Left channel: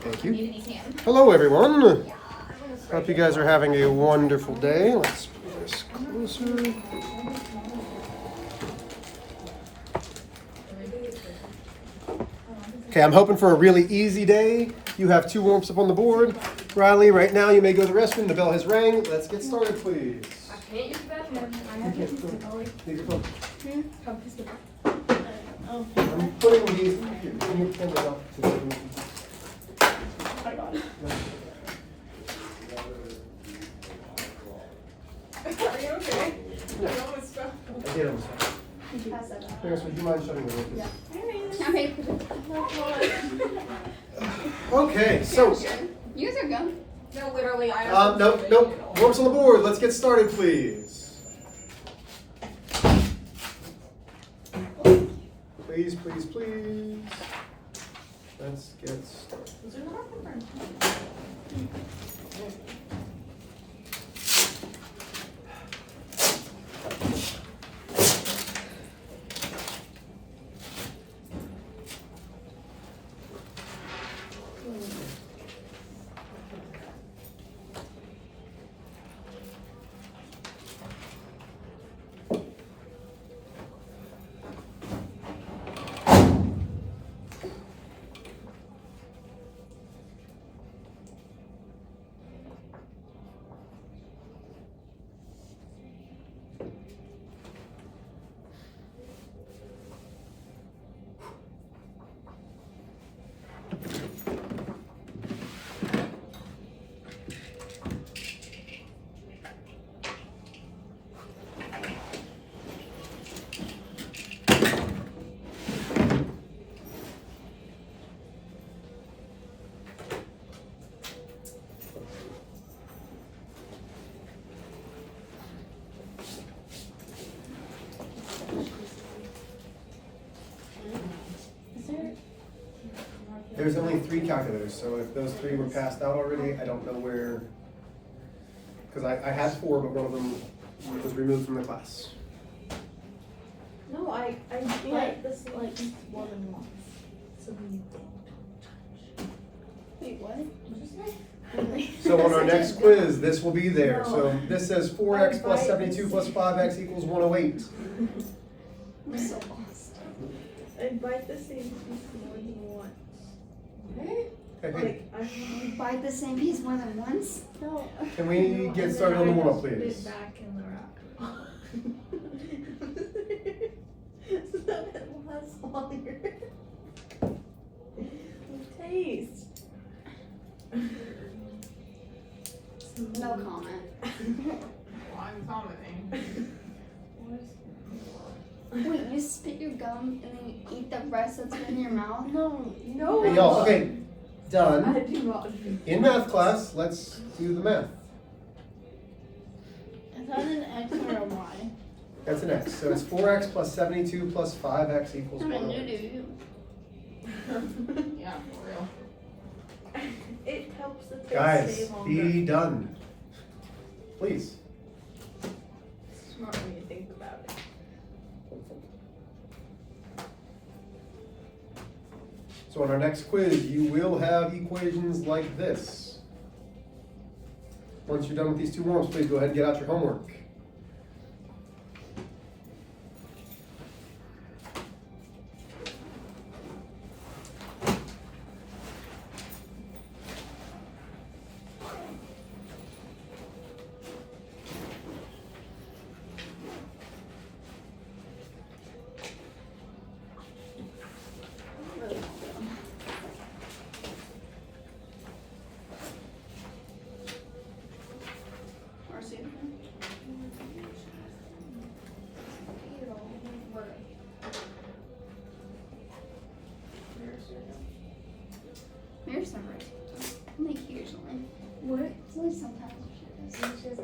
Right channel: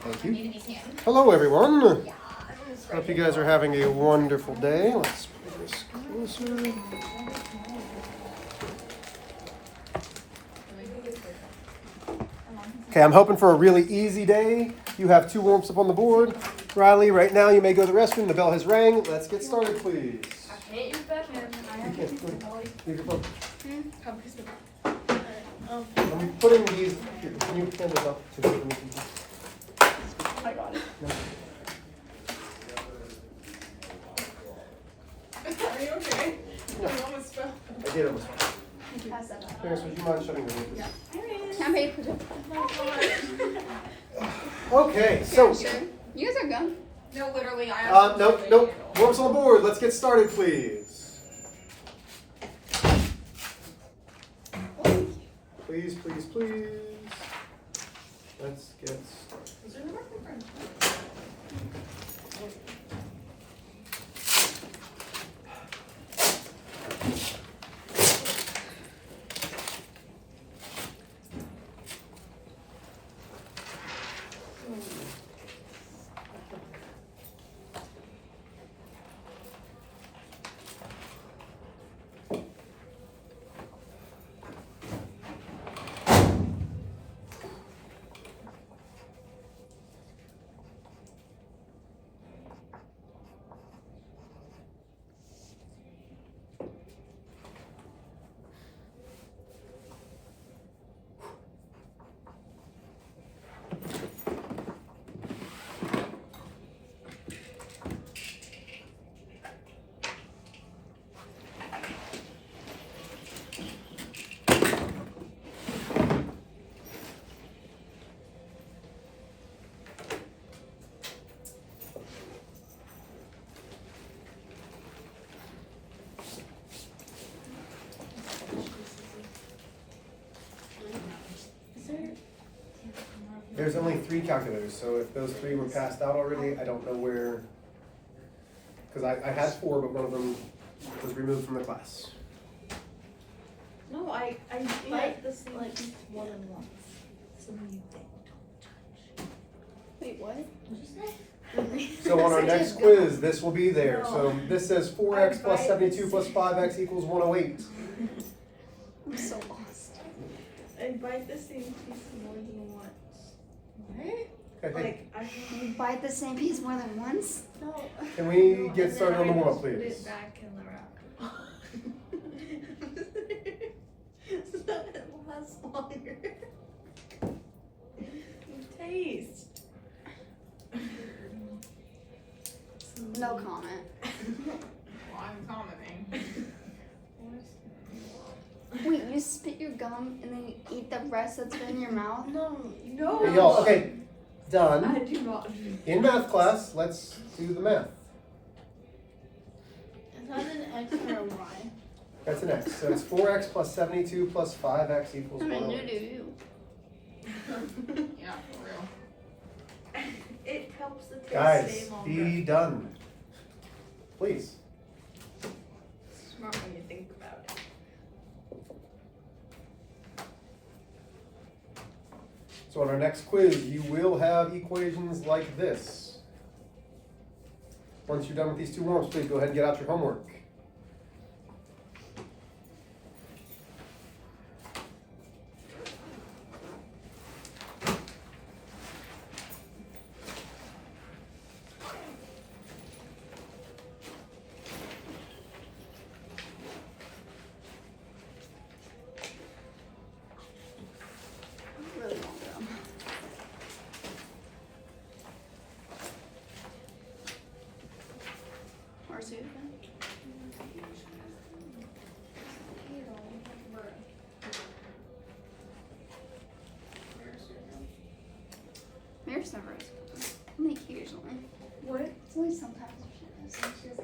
Thank you. Hello, everyone. Hope you guys are having a wonderful day. Let's pull this closer. Okay, I'm hoping for a really easy day. You have 2 warm-ups up on the board. Riley, right now you may go to the restroom. The bell has rang. Let's get started, please. I can't use the bathroom. I have to use the toilet. I'm putting these. Can you hand it up to me? I got it. Are you okay? Yeah. I almost fell. I did almost. Paris, would you mind shutting the door? Yeah. I'm ready for this. Okay, so. You guys are gone. No, literally, I have to Nope. Warm-ups on the board. Let's get started, please. Please. Let's get started. Is there a microphone? There's only 3 calculators, so if those 3 were passed out already, I don't know where. Because I had 4, but one of them was removed from the class. No, I like this like more than once. So you Wait, what? So on our next quiz, this will be there. So this says 4x plus 72 plus 5x equals 108. I'm so lost. I bite the same piece more than once. What? Okay. Like, You bite the same piece more than once? no. Can we get started on the warm-up, Put please? it back in the wrap. So that it lasts longer. Taste. No comment. Well, I'm commenting. Wait, you spit your gum and then you eat the rest that's in your mouth? No. Hey, y'all, okay, I done. do not. In math class, let's do the math. Is that an X or a Y? That's an x. So it's 4x plus 72 plus 5x equals I'm a 108. new. Yeah, for real. It helps the taste Guys, stay longer. be done. Please. Smart when you think about it. So on our next quiz, you will have equations like this. Once you're done with these 2 warm-ups, please go ahead and get out your homework. Where's it? Mary's never is. Only occasionally. What? It's only sometimes she is.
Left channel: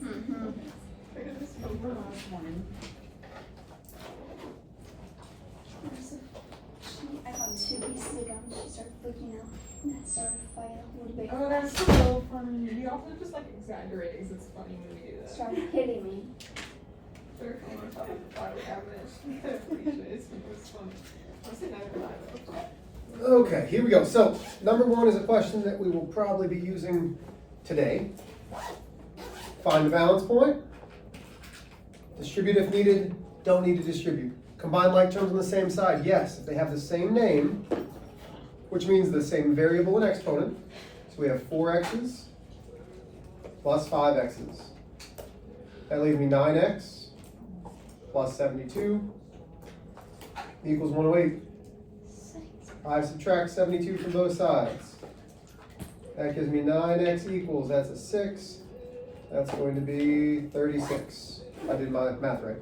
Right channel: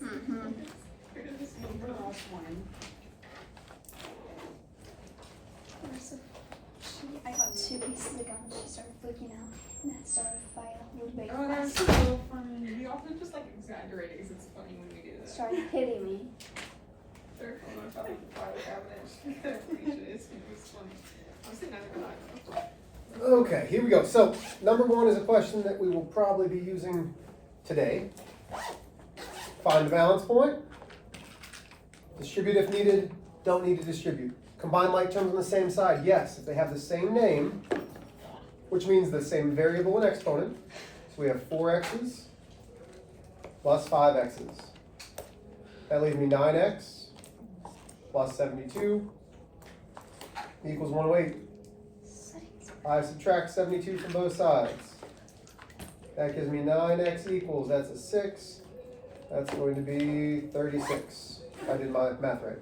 Mm-hmm. I got 2 pieces of gum. She started freaking out. And then started fighting a little bit. Oh, that's so funny. We often just like exaggerate because it's funny when we do that. Started hitting me. Very funny. I thought I would have it. It was fun. Honestly, not even I though. Okay, here we go. So, number one is a question that we will probably be using today. Find the balance point. Distribute if needed, don't need to distribute. Combine like terms on the same side, yes, if they have the same name, which means the same variable and exponent. So we have 4x's plus 5x's. That leaves me 9x plus 72 equals 108. I subtract 72 from both sides. That gives me 9x equals, that's a 6. That's going to be 36. I did my math right.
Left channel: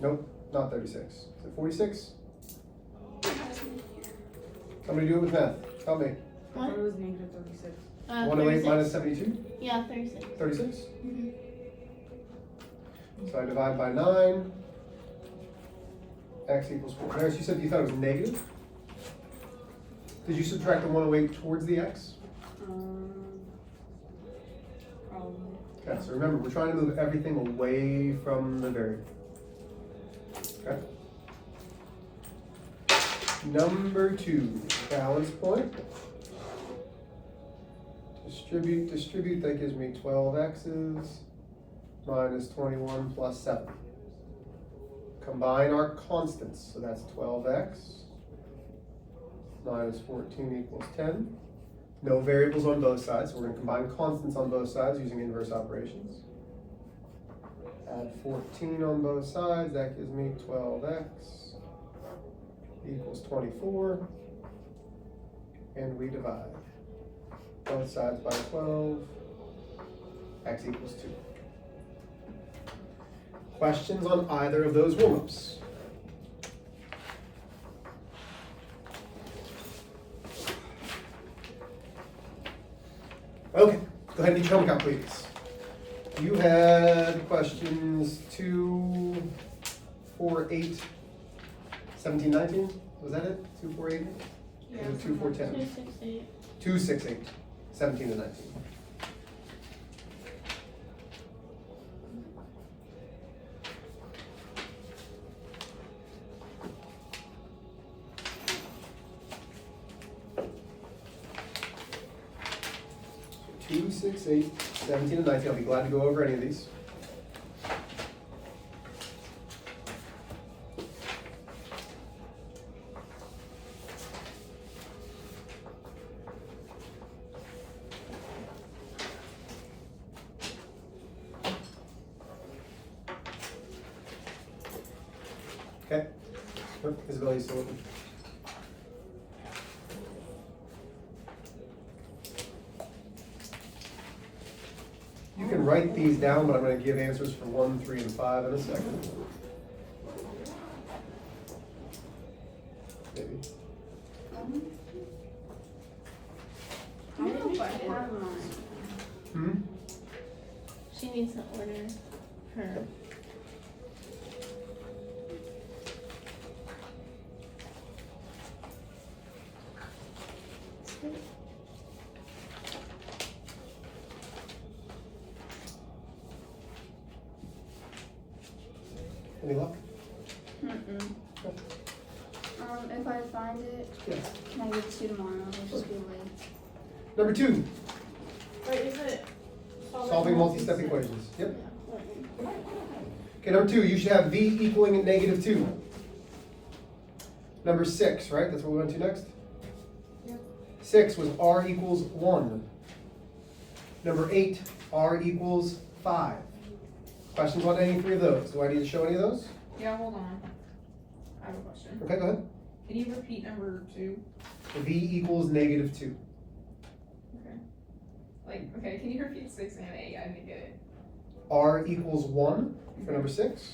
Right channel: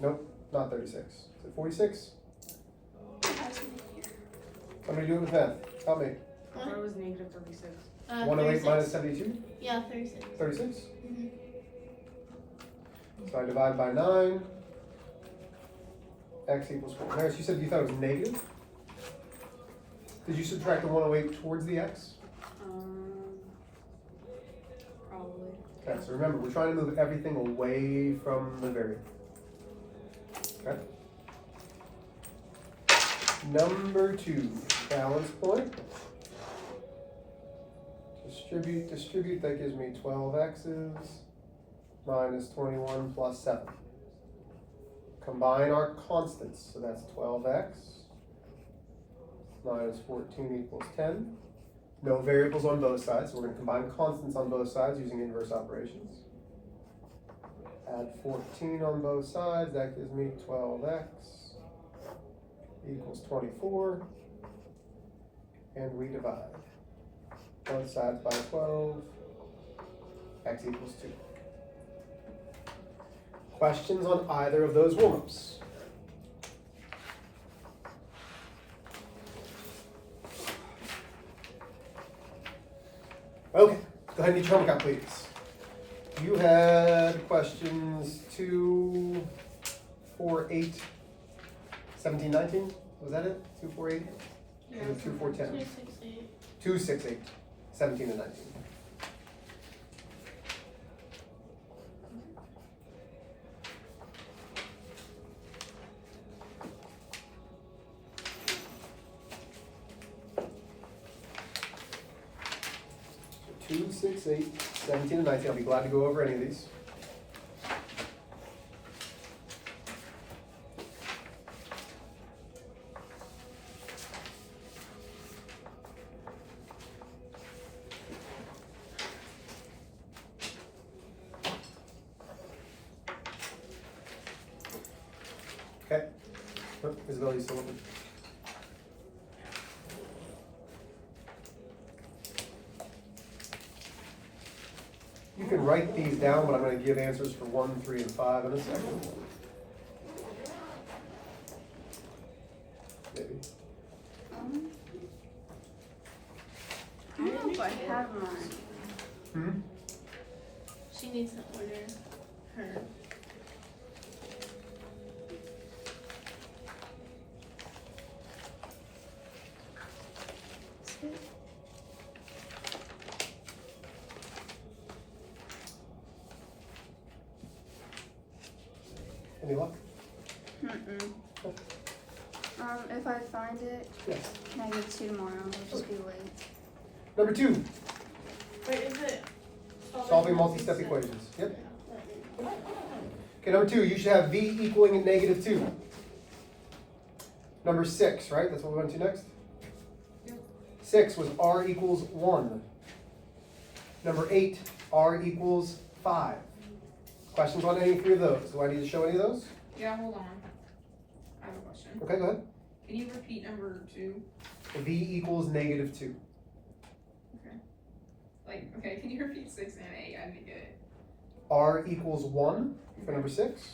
Nope, not 36. Is it 46? Somebody do it with math. Help me. I thought it was negative 36. 108 minus 72? Yeah, 36. 36? Mm-hmm. So I divide by 9. X equals 4. Harris, you said you thought it was negative? Did you subtract the 108 towards the x? Probably. Okay, so remember, we're trying to move everything away from the variable. Okay. Number 2, balance point. Distribute, that gives me 12x's minus 21 plus 7. Combine our constants, so that's 12x minus 14 equals 10. No variables on both sides, so we're going to combine constants on both sides using inverse operations. Add 14 on both sides, that gives me 12x equals 24. And we divide both sides by 12, x equals 2. Questions on either of those warm-ups? Okay, go ahead and get your homework out, please. You had questions 2, 4, 8, 17, 19? Was that it? 2, 4, 8? Yeah. 2, 4, 10? 268. 2, 6, 8, 17 and 19. So 2, 6, 8, 17 and 19. I'll be glad to go over any of these. Okay. Oh, Isabel, you still open? You can write these down, but I'm going to give answers for 1, 3, and 5 in a second. Maybe. I hope I have mine. Hmm? She needs to order her. Any luck? If I find it, Yeah. can I get 2 tomorrow? I'll just be late. Number 2, Wait, is it? solving multi-step equations. Yep. Okay, number 2, you should have v equaling negative 2. Number 6, right? That's what we went to next? Yep. 6 was r equals 1. Number 8, r equals 5. Questions on any 3 of those? Do I need to show any of those? Yeah, hold on. I have a question. Okay, go ahead. Can you repeat number 2? V equals negative 2. Okay. Okay, can you repeat 6 and 8? I didn't get it. R equals 1 for number 6.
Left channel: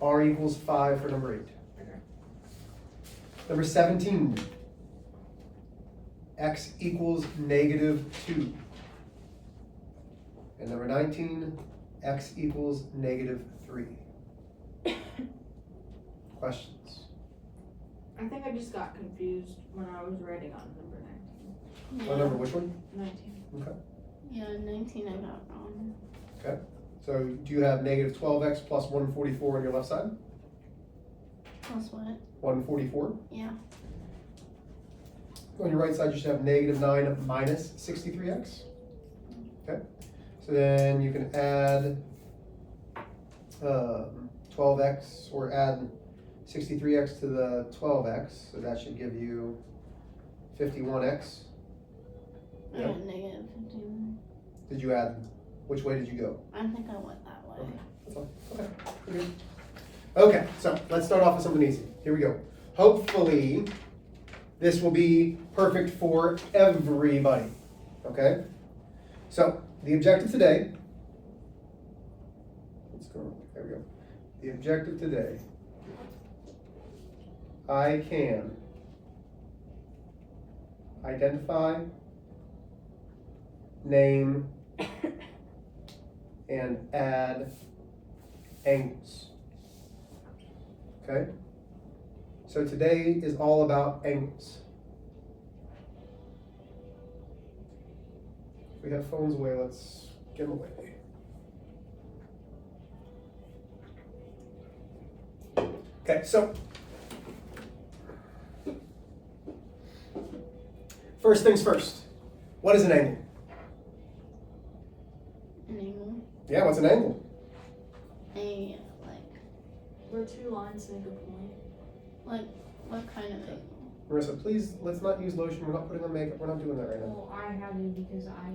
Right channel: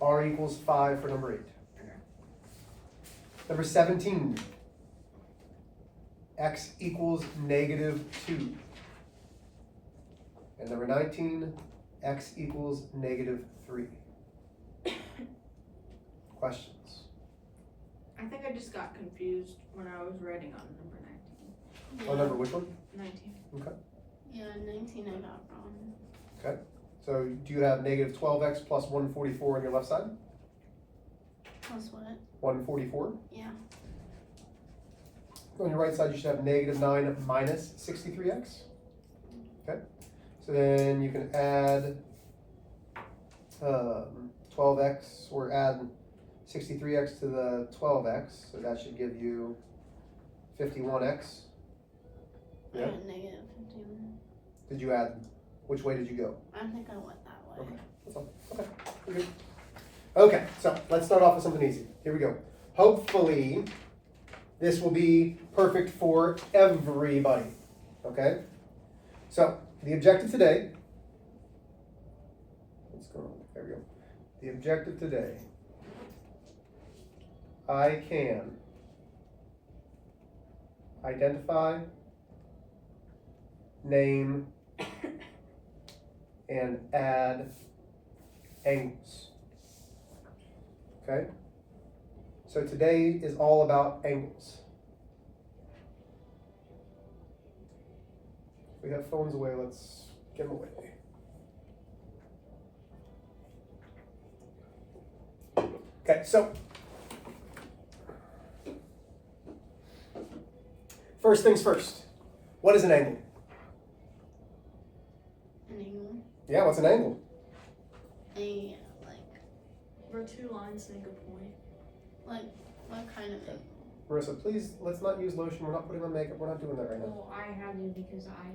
R equals 5 for number 8. Okay. Number 17. X equals negative 2. And number 19. X equals negative 3. Questions? I think I just got confused when I was writing on number 19. On number which one? 19. Okay. Yeah, 19 I got wrong. Okay. So do you have negative 12x plus 144 on your left side? Plus what? 144. Yeah. On your right side, you should have -9 minus 63x. Okay, so then you can add 12x, or add 63x to the 12x, so that should give you 51x. Yeah. Negative 51. Did you add, which way did you go? I think I went that way. Okay, that's fine. Okay, pretty good. Okay, so let's start off with something easy. Here we go. Hopefully, this will be perfect for everybody. Okay? So, the objective today, let's go, there we go. The objective today, I can identify, name, and add angles. Okay? So today is all about angles. If we have phones away, let's get them away. Okay, so first things first. What is an angle? An angle. Yeah, what's an angle? A like Where two lines make a point. what kind of angle? Marissa, please, let's not use lotion. We're not putting on makeup. We're not doing that right now. Well, I have it because I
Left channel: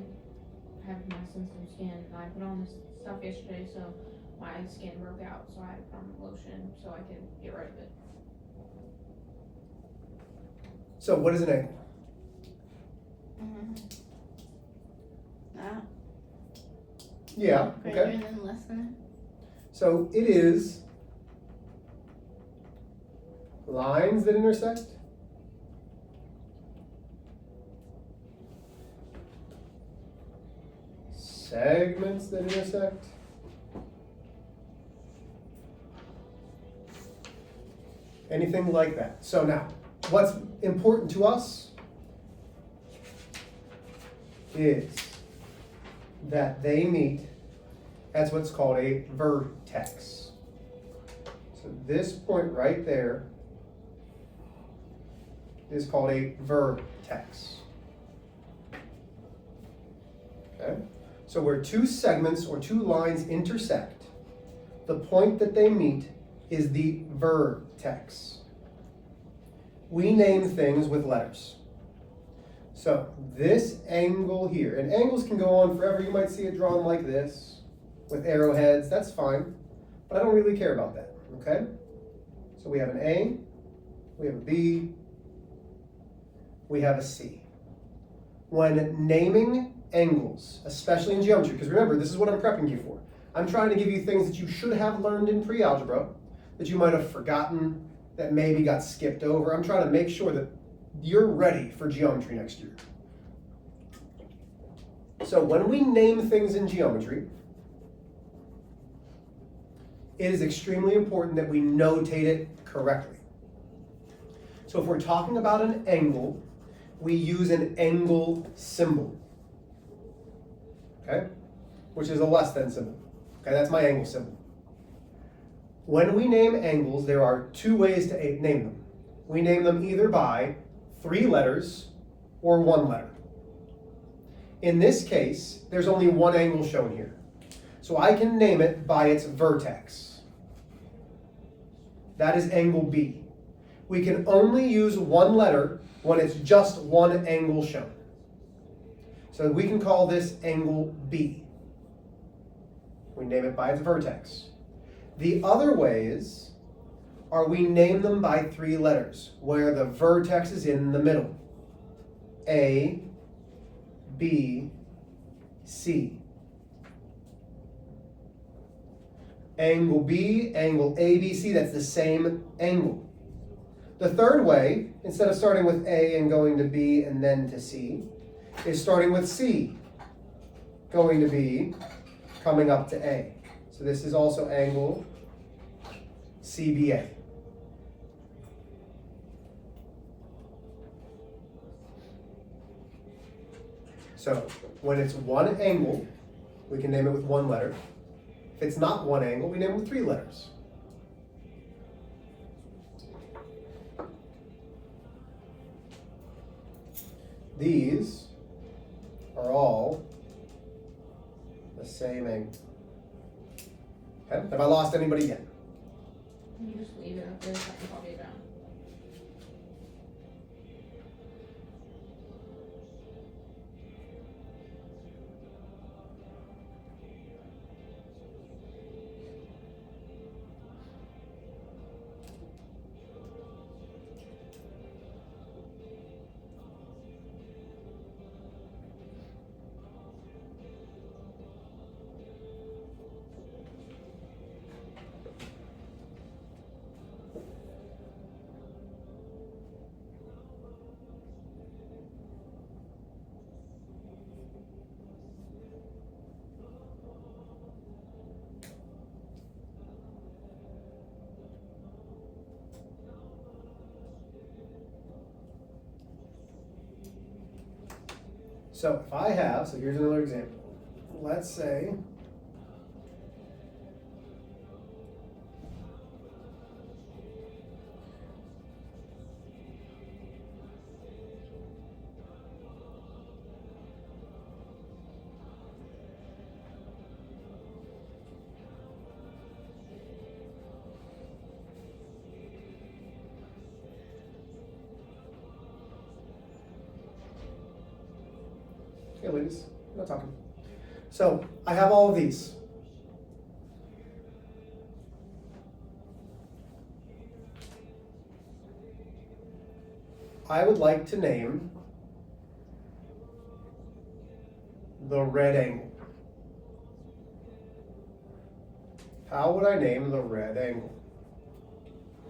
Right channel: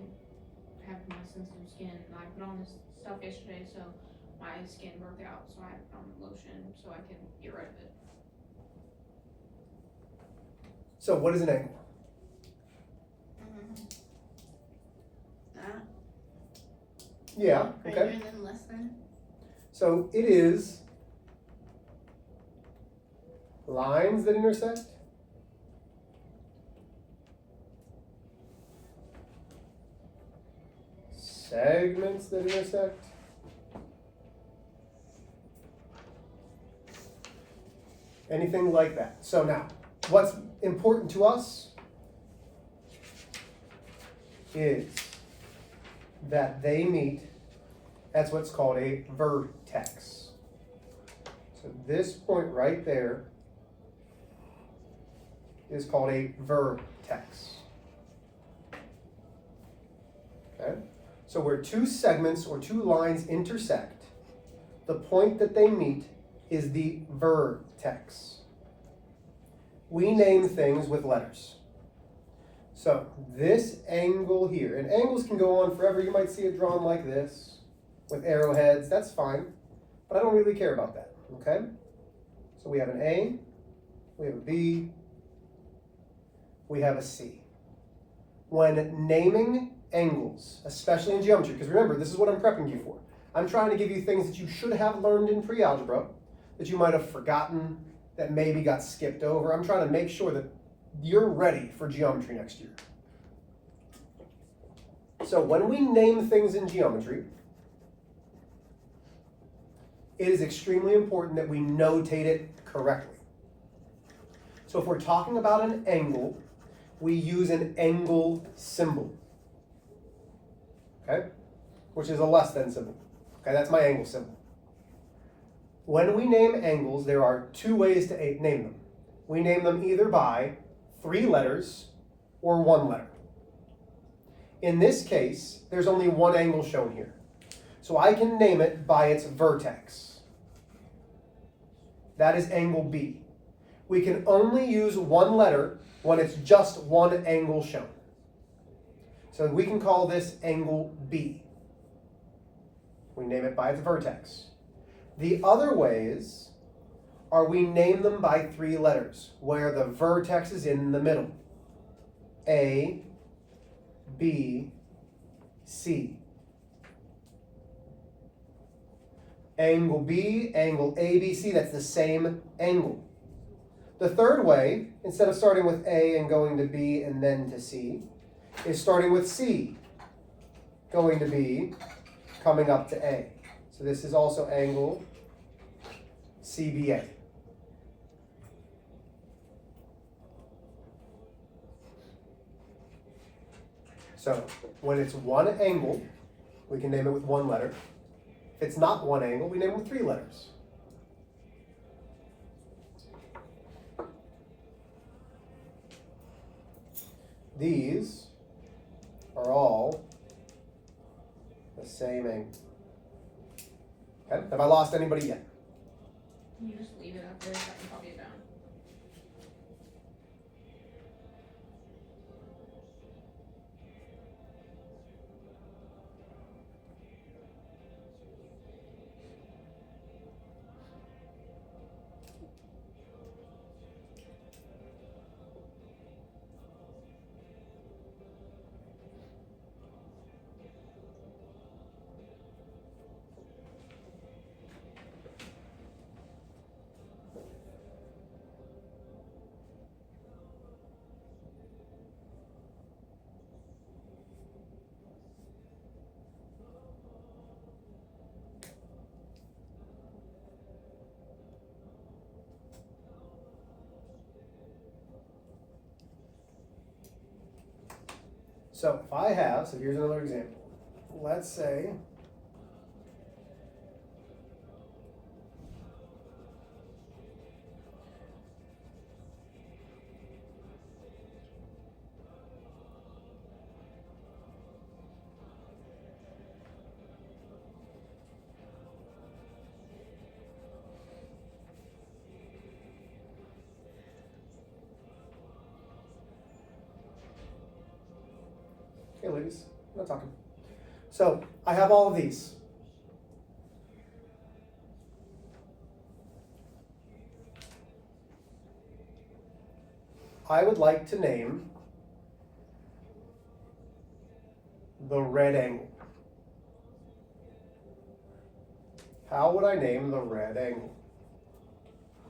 have my sensitive skin, and I put on this stuff yesterday, so my skin broke out, so I had to put on lotion so I can get rid of it. So what is an angle? That. Yeah, okay. Greater than less than. So it is lines that intersect segments that intersect anything like that. So now, what's important to us is that they meet. That's what's called a vertex. So this point right there is called a vertex. Okay? So where two segments or two lines intersect, the point that they meet is the vertex. We name things with letters. So this angle here, and angles can go on forever. You might see it drawn like this with arrowheads. That's fine, but I don't really care about that. Okay? So we have an A, we have a B, we have a C. When naming angles, especially in geometry, because remember, this is what I'm prepping you for. I'm trying to give you things that you should have learned in pre-algebra, that you might have forgotten, that maybe got skipped over. I'm trying to make sure that you're ready for geometry next year. So when we name things in geometry, it is extremely important that we notate it correctly. So if we're talking about an angle, we use an angle symbol. Okay? Which is a less than symbol. Okay, that's my angle symbol. When we name angles, there are two ways to name them. We name them either by 3 letters or 1 letter. In this case, there's only one angle shown here. So I can name it by its vertex. That is angle B. We can only use 1 letter when it's just one angle shown. So we can call this angle B. We name it by its vertex. The other ways are we name them by 3 letters, where the vertex is in the middle. A, B, C. Angle B, angle ABC, that's the same angle. The third way, instead of starting with A and going to B and then to C, is starting with C, going to B, coming up to A. So this is also angle CBA. So when it's one angle, we can name it with 1 letter. If it's not one angle, we name it with 3 letters. these are all the same angle. Okay, have I lost anybody yet? You just leave it up there so I can copy it down. So if I have, so here's another example. Let's say okay, ladies, I'm not talking. So I have all of these. I would like to name the red angle. How would I name the red angle?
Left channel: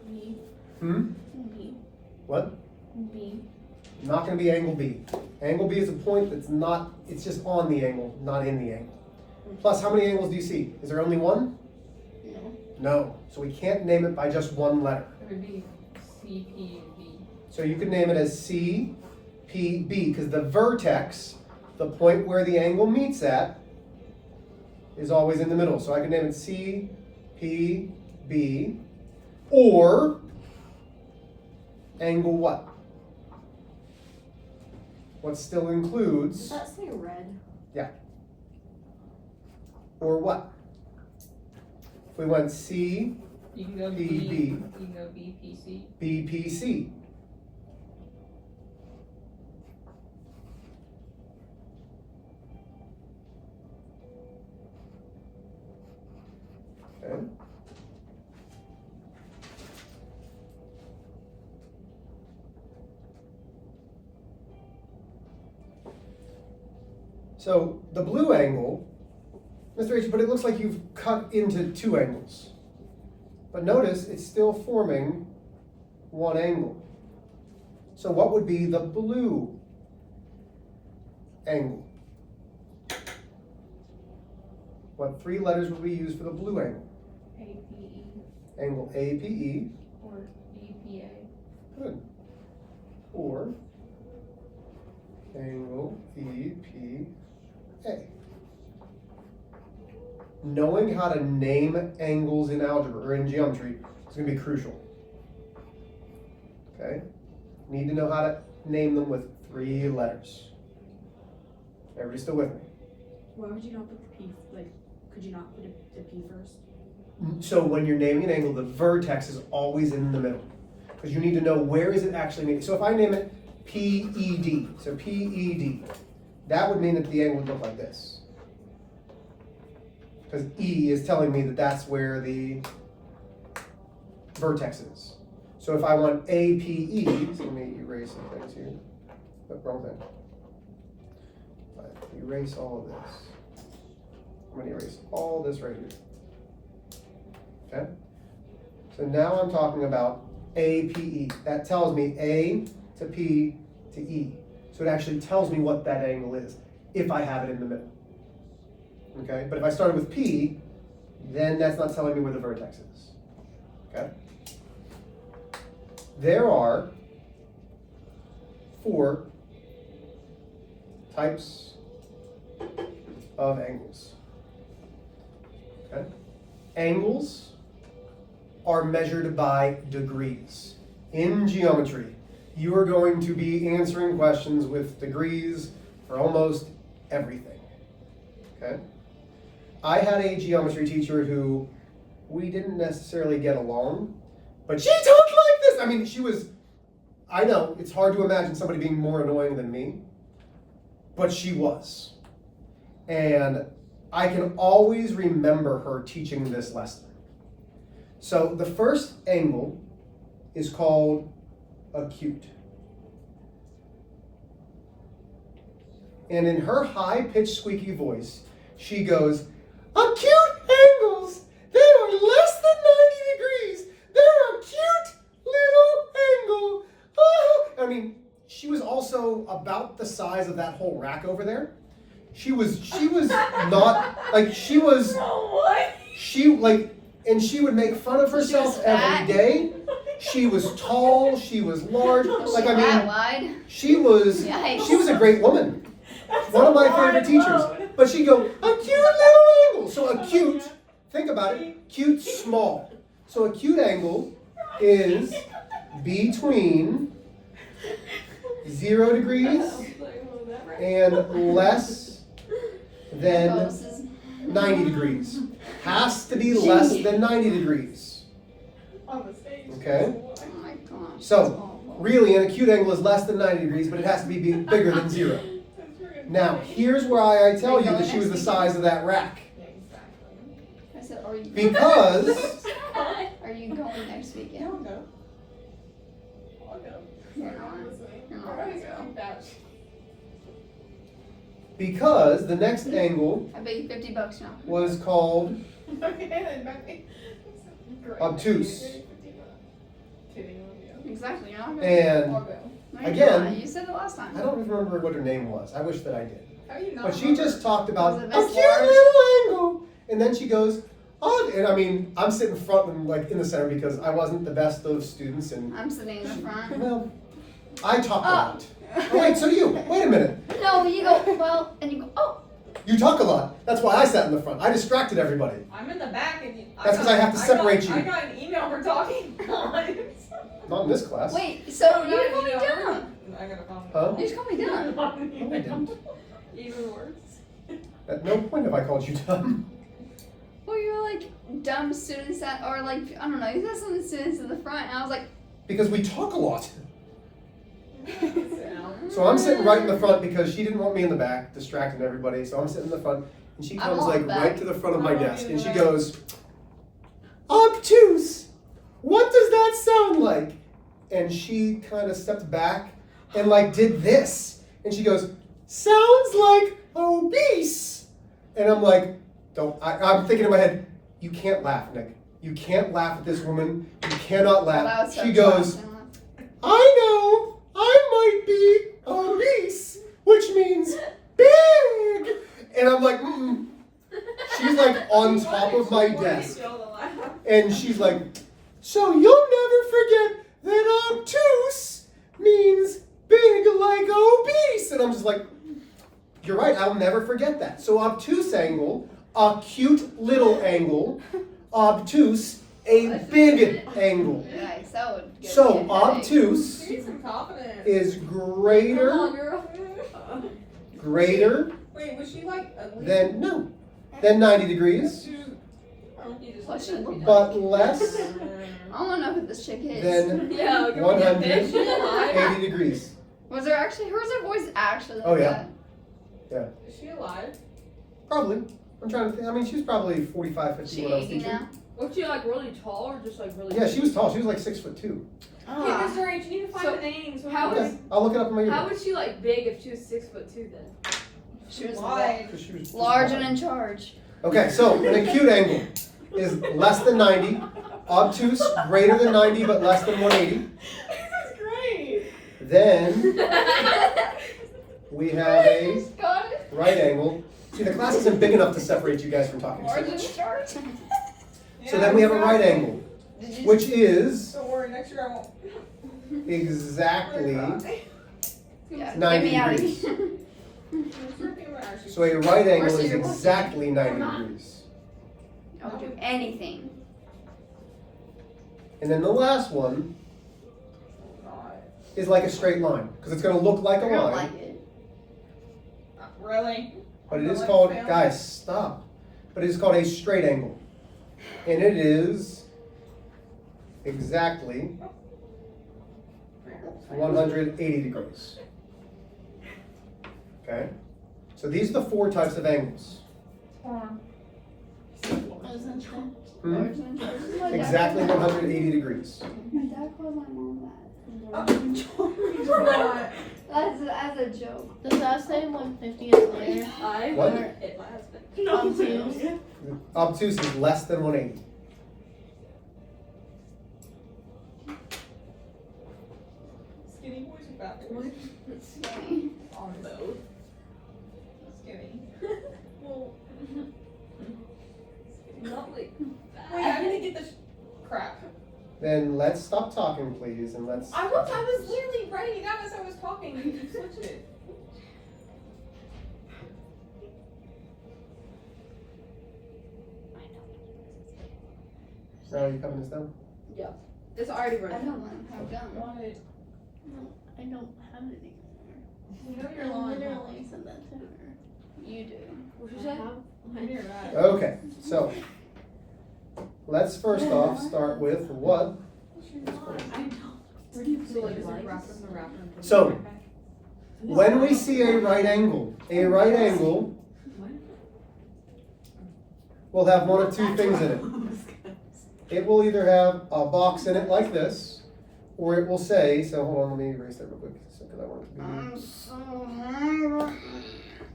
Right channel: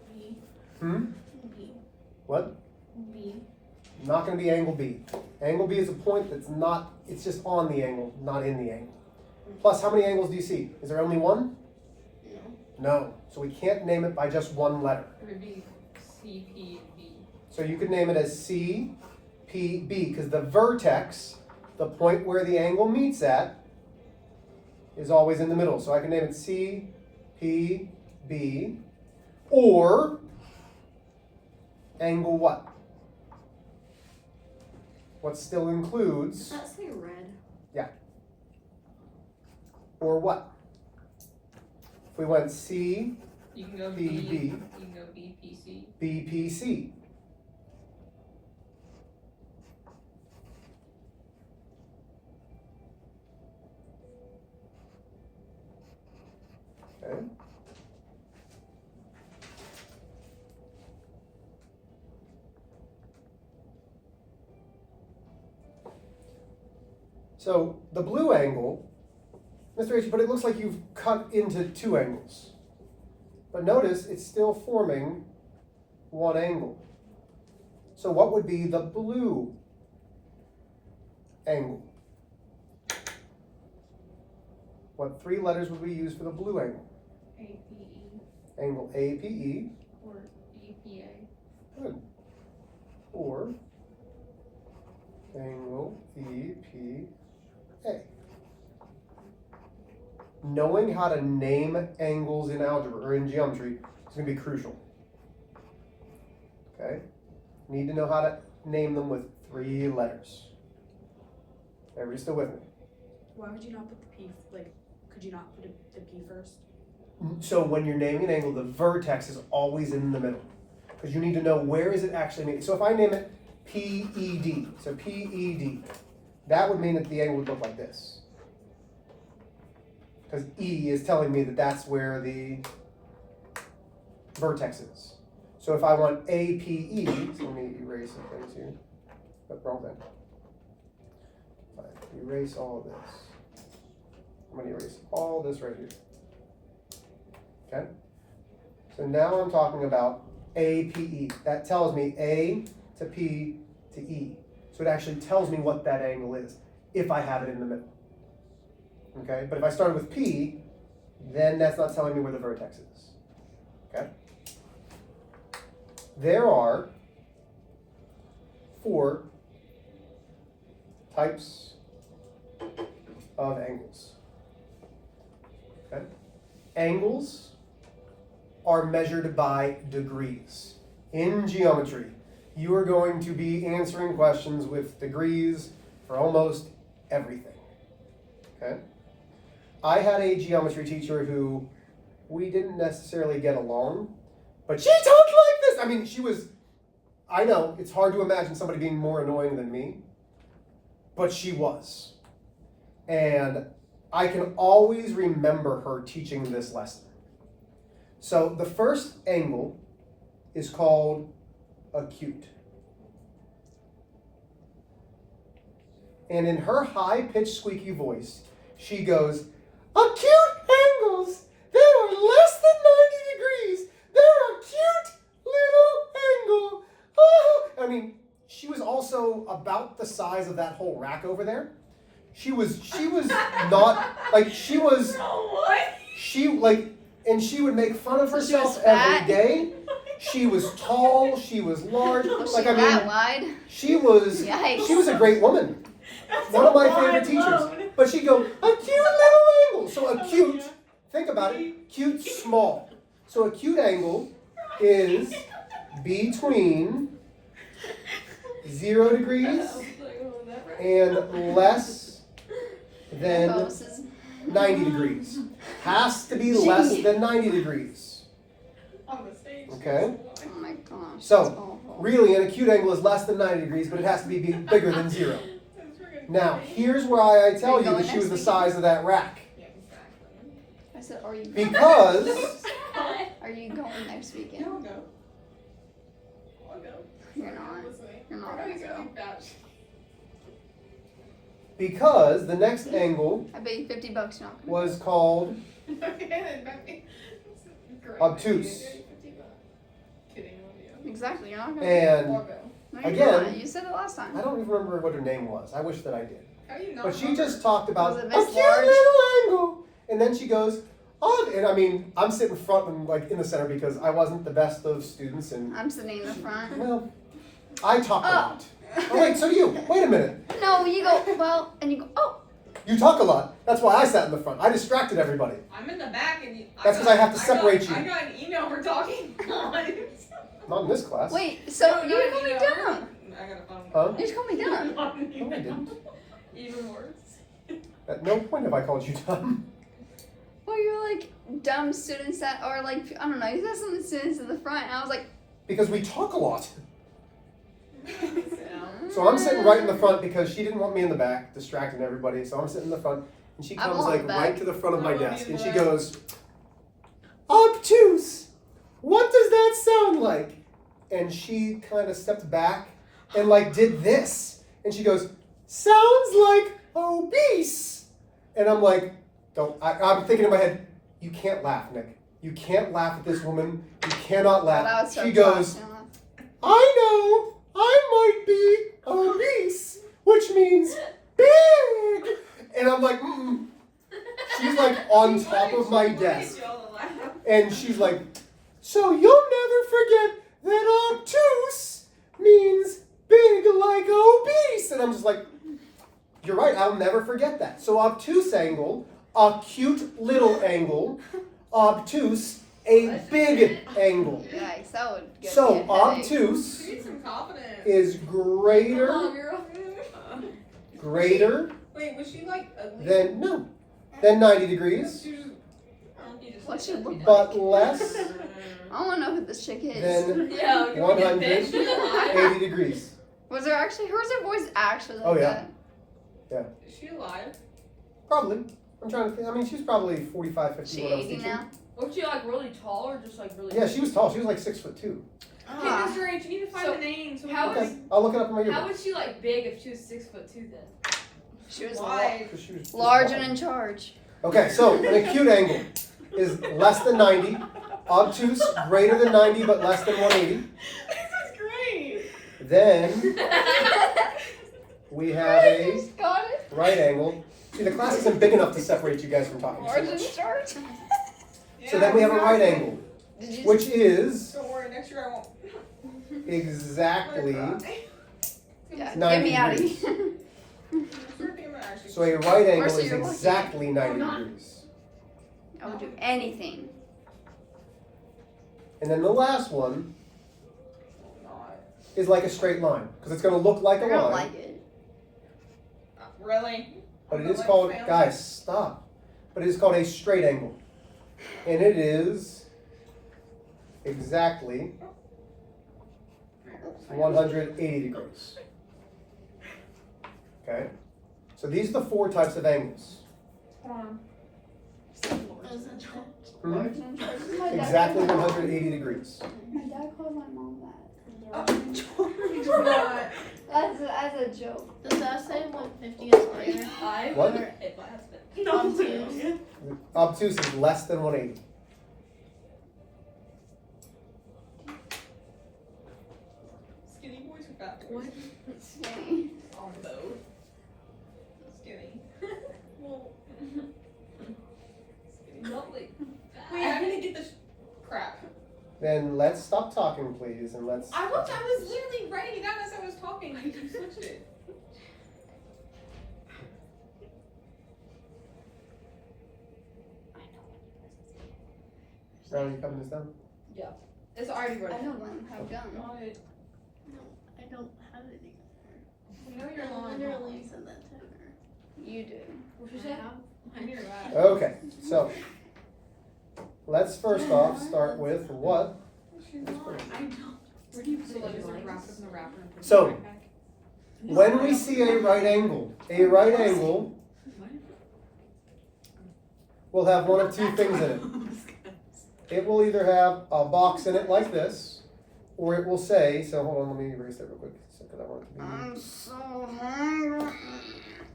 B. Hmm? B. What? B. Not going to be angle B. Angle B is a point that's not, it's just on the angle, not in the angle. Plus, how many angles do you see? Is there only one? No. So we can't name it by just one letter. It would be CPB. So you could name it as CPB because the vertex, the point where the angle meets at, is always in the middle. So I can name it CPB or angle what? What still includes, Does that say red? or what? If we went You can go B. PB. You can go BPC. BPC. Okay. So the blue angle, Mr. H, but it looks like you've cut into two angles. But notice it's still forming one angle. So what would be the blue angle? What three letters would we use for the blue angle? APE Angle APE. or BPA. Good. Or angle EPA. Knowing how to name angles in algebra or in geometry is going to be crucial. Okay? Need to know how to name them with three letters. Everybody still with me? Why would you not put the P? Like, could you not put the P first? So when you're naming an angle, the vertex is always in the middle. Because you need to know where is it actually meeting. So if I name it PED, so PED, that would mean that the angle would look like this. Because E is telling me that that's where the vertex is. So if I want APE, so let me erase some things here. Oh, wrong thing. If I erase all of this. I'm going to erase all this right here. Okay? So now I'm talking about APE. That tells me A to P to E. So it actually tells me what that angle is, if I have it in the middle. Okay? But if I started with P, then that's not telling me where the vertex is. Okay? There are 4 types of angles. Okay? Angles are measured by degrees. In geometry, you are going to be answering questions with degrees for almost everything. Okay? I had a geometry teacher who we didn't necessarily get along, but she talked like this. I mean, I know, it's hard to imagine somebody being more annoying than me, but she was. And I can always remember her teaching this lesson. So the first angle is called acute. And in her high-pitched, squeaky voice, she goes, acute angles, they are less than 90 degrees. They're a cute little angle. Oh. I mean, she was also about the size of that whole rack over there. She was not, like, she was, and she would make fun of herself every day. She was tall, she was large, like, I mean, she was a great woman. One of my favorite teachers. But she'd go, a cute little angle. So acute, think about it, cute, small. So acute angle is between 0 degrees and less than 90 degrees. Has to be less than 90 degrees. Okay? So, really, an acute angle is less than 90 degrees, but it has to be bigger than 0. Now, here's why I tell you that she was the size of that rack. I said, are you Because Are you going next weekend? I'll go. You're not. You're not gonna go. because the next angle I bet you $50 now. was called obtuse. Exactly, you're not gonna And No, you're again, not. You said it last time. I don't even remember what her name was. I wish that I did. How do you not But she remember? just talked about Was a it cute this little large? angle. And then she goes, oh, and I mean, I'm sitting front and like in the center because I wasn't the best of students and, I'm sitting in the front. well, I talk a lot. Oh wait, so do you. Wait a minute. No, you go, well, and you go, oh. You talk a lot. That's why I sat in the front. I distracted everybody. I'm in the back and you. That's 'cause I have to separate you. I got an email for talking. Not in this class. Wait, so you didn't call me dumb. I got a phone. Huh? You just called me dumb. No, I didn't. Even worse. At no point have I called you dumb. Well, you were like dumb students that, or like, I don't know, you said some of the students in the front, and I was like, Because we talk a lot. So I'm sitting right in the front because she didn't want me in the back, distracting everybody. So I'm sitting in the front, and she I'm comes on like the back. right to the front of my I want desk, you and in she the back. goes, obtuse. What does that sound like? And she kind of stepped back and like did this, and she goes, sounds like obese. And I'm like, I'm thinking in my head, you can't laugh, Nick. You can't laugh at this woman. You cannot well, that laugh. was so She goes, fast, I know, I might be obese, which means big. And I'm like, She's like on top of my desk. And she's like, so you'll never forget that obtuse means big like obese. And I'm just like, you're right, I'll never forget that. So obtuse angle, acute little angle, obtuse, a big angle. Yikes, that would get me a So headache. obtuse Need some confidence. is greater Wait, was she like ugly? than 90 degrees, What's she look but less I want to know who this chick is. than Yeah, can we get this? 180 degrees. Was there actually, her voice actually like Oh, yeah. that? Is she alive? Probably. I'm trying to think. I mean, she was probably 45, 50 She when I was 80 teaching. now? Was she like really tall or just like really? Yeah, she was tall. She was like 6'2". Okay, Mr. H, you need to find So, the names. how Okay, is- I'll look it up in my How email. was she like big if she was 6'2" then? She was Why? 'Cause she was just large tall. and in charge. Okay, so an acute angle is less than 90. Obtuse, greater than 90 but less than 180. This is great. Then we have a Just got it. right angle. See, the class isn't big enough to separate you guys from talking so Large and much. in charge. So then we have a right angle, Did you which is Don't worry, next year I won't. exactly yeah, 90 get me out of degrees. here. So a right angle Marcy, is you're looking. exactly 90 degrees. I would do anything. And then the last one is like a straight line, because it's gonna look like a I don't line, like it. Really? but it is called, guys, stop. But it is called a straight angle. And it is exactly 180 degrees. Okay? So these are the 4 types of angles. Hmm? Exactly 180 degrees. My dad calls my mom that. As a joke. Does that say 150 is greater? I What? wonder if my husband. Obtuse. Obtuse is less than 180. Skinny boys or fat What? boys? On both. Skinny. Well, not like that. Wait, I didn't get this crap. Then let's stop talking, please, and let's. I was literally writing it down as I was talking and you switched it. Now you coming this down? It's already I running. don't have gum. Got it. I don't have it anymore. We know you're I lying. literally said that to her. You do. What you say? I hear that. Okay, so let's first off start with what. Where do you So like, is it wrapped up in the wrapper and put it So- in the backpack? When we see a right angle What? will have one of 2 things in it. It will either have a box in it like this, or it will say, so hold on, let me erase that real quick, because I want it to be. I'm so hungry.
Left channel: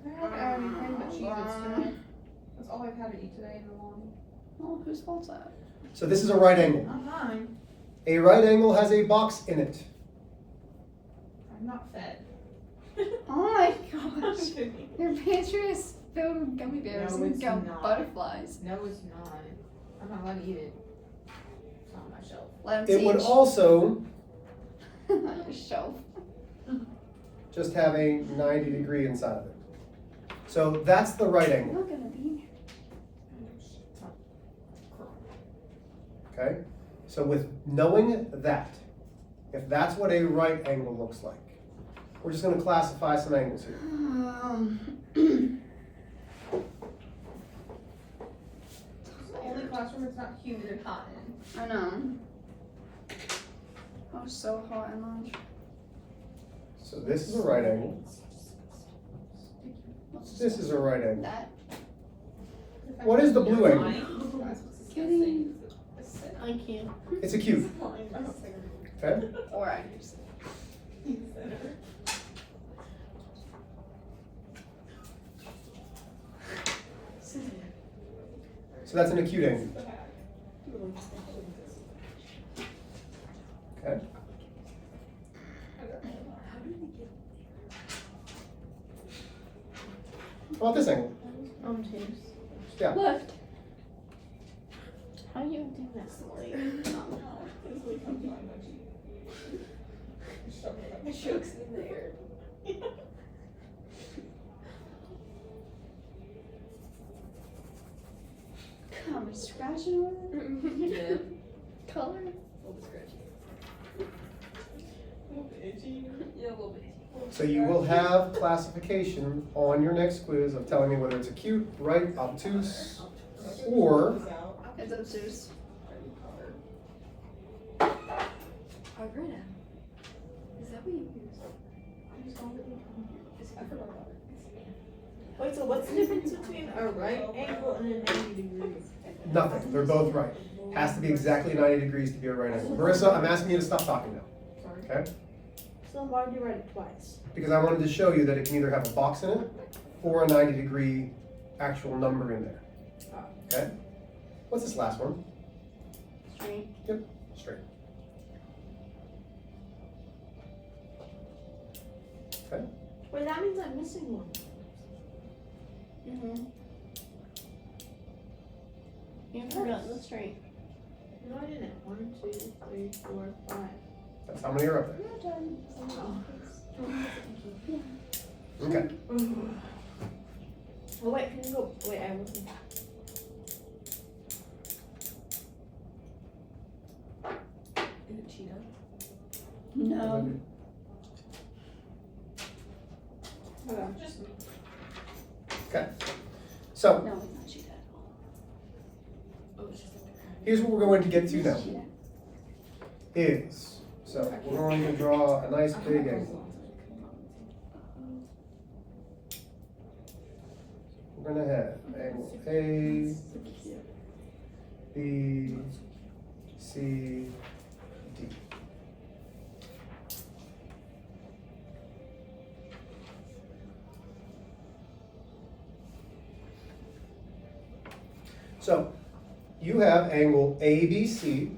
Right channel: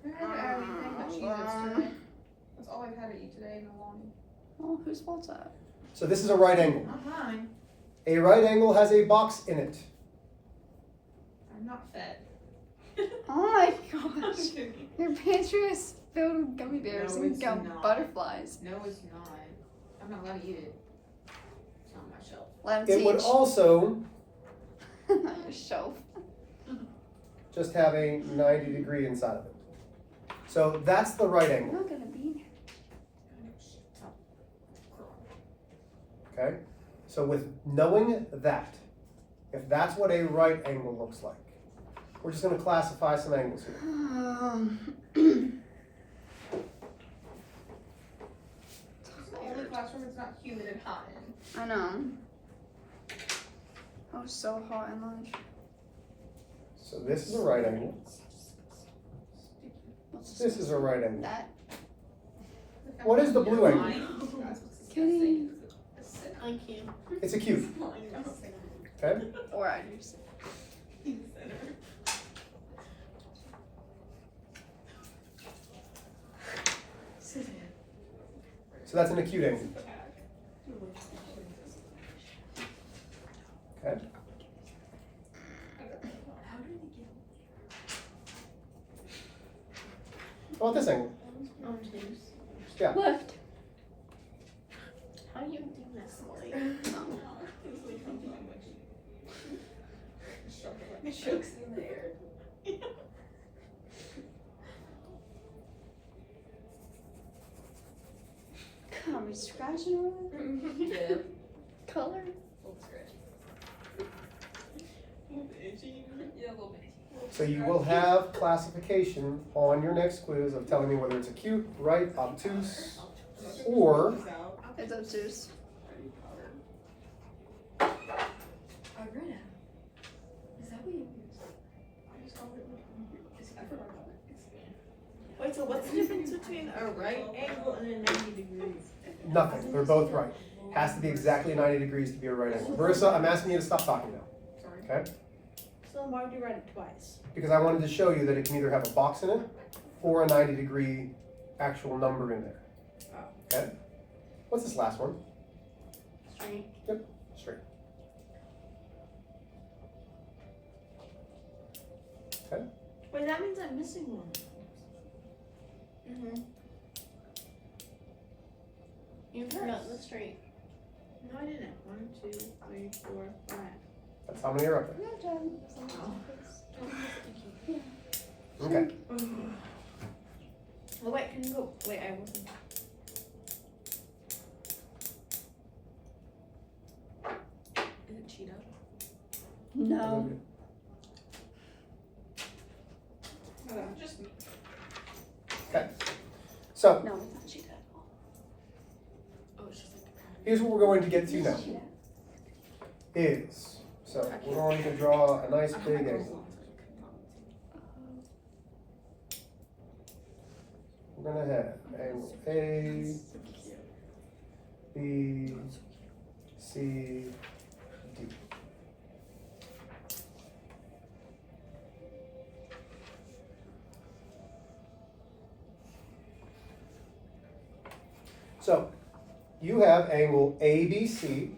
I had everything but Cheez-Its today. That's all I've had to eat today in the lobby. Oh, whose fault's that? So this is a right angle. Not mine. A right angle has a box in it. I'm not fed. Oh my I'm gosh. kidding. Your pantry is filled with gummy bears No, and it's not. butterflies. No, it's not. I'm not allowed to eat it. It's on my shelf. Let It would also on your shelf. just have a 90 degree inside of it. So that's the right I'm angle, not gonna be okay? So with knowing that, if that's what a right angle looks like, we're just gonna classify some angles here. It's the only classroom it's not humid and hot in. I know. I was so hot in lunch. So this is a right angle. This is a right angle. That What is the blue angle? kitty I can't. It's a cube, okay? or I just So that's an acute angle. Okay? How about this angle? Obtuse. Yeah. left. How you do this? Chokes in there. Are we scratching over there? Yeah. Color? Little scratchy. A little bit itchy. Yeah, a little bit. So you will have classification on your next quiz of telling me whether it's acute, right, obtuse, or It's obtuse. Alright. Is that what you use? I forgot about it. Wait, so what's the difference between a right angle and a 90 degrees? nothing. They're both right. Has to be exactly 90 degrees to be a right angle. Marissa, I'm asking you to stop talking now, Sorry. okay? So why would you write it twice? Because I wanted to show you that it can either have a box in it or a 90 degree actual number in there. Okay? What's this last one? Straight. Straight. Okay? Wait, that means I'm missing one. Mm-hmm. You forgot the straight. No, I didn't. 1, 2, 3, 4, 5. That's how many are up there. Okay. Oh, wait, can you go? Wait, I wasn't. Is it Cheetah? No. Just me. So No, it's not cheetah. Oh, it's just like. here's what we're going to get to now. Cheetah. Is, so we're going to draw a nice big angle. We're gonna have angle A, B, C, D. So, you have angle ABC,